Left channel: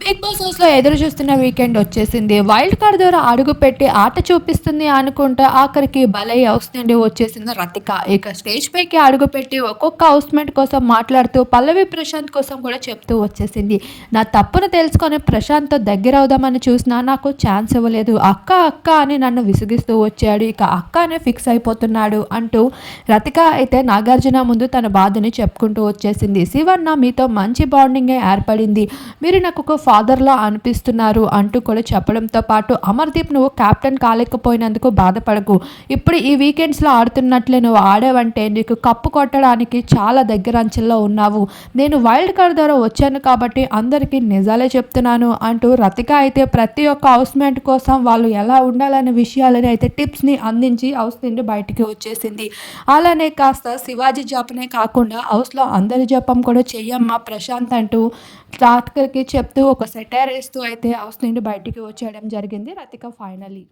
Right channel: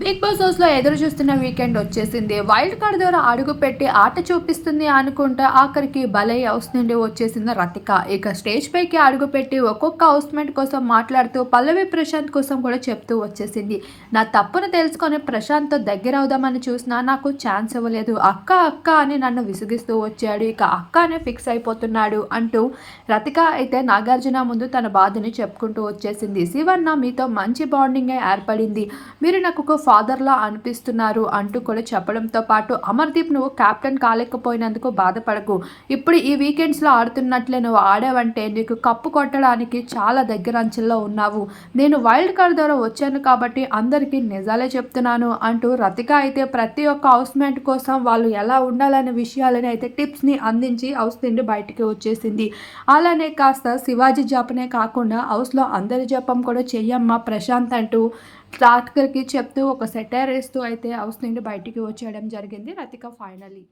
Big boss హౌస్‌లో ఎదురు చూస్తున్న వీకెండ్ వచ్చేసింది. వైల్డ్ కార్డ్ ద్వారా అడుగుపెట్టి ఆట చూపిస్తుంది అనుకుంటే ఆఖరికి బలై హౌస్ నుండి వచ్చేసింది రతిక. ఇక స్టేజ్ పైకి అడుగుపెట్టి ఒక్కొక్క హౌస్‌మేట్ కోసం మాట్లాడుతూ పల్లవి ప్రశాంత్ కోసం కూడా చెప్తూ వచ్చేసింది. నా తప్పును తెలుసుకొని ప్రశాంత్‌తో దగ్గరవుదామని చూసినా నాకు ఛాన్స్ ఇవ్వలేదు. అక్క అక్క అని నన్ను విసిగిస్తూ వచ్చాడు. ఇక అక్క అనే ఫిక్స్ అయిపోతున్నాడు అంటూ రతిక అయితే నాగార్జున ముందు తన బాధని చెప్పుకుంటూ వచ్చేసింది. శివన్న మీతో మంచి బాండింగే ఏర్పడింది. మీరు నాకు ఒక ఫాదర్‌లా అనిపిస్తున్నారు అంటూ కూడా చెప్పడంతో పాటు అమర్‌దీప్ నువ్వు కెప్టెన్ కాలేకపోయినందుకు బాధపడకు. ఇప్పుడు ఈ వీకెండ్స్‌లో ఆడుతున్నట్లే నువ్వు ఆడావంటే నీకు కప్పు కొట్టడానికి చాలా దగ్గర అంచెల్లో ఉన్నావు. నేను వైల్డ్ కార్డ్ ద్వారా వచ్చాను కాబట్టి అందరికీ నిజాలే చెప్తున్నాను అంటూ రతిక అయితే ప్రతి ఒక్క హౌస్‌మేట్ కోసం వాళ్ళు ఎలా ఉండాలనే విషయాలని అయితే టిప్స్‌ని అందించి హౌస్ నుండి బయటికి వచ్చేసింది. అలానే కాస్త శివాజీ జపనే కాకుండా హౌస్‌లో అందరి జపం కూడా చెయ్యమ్మా ప్రశాంత్ అంటూ రాత్రికి చెప్తూ ఒక సెటైర్ ఏస్తూ అయితే హౌస్ నుండి బయటికి వచ్చేయడం జరిగింది రతిక ఫైనల్లీ.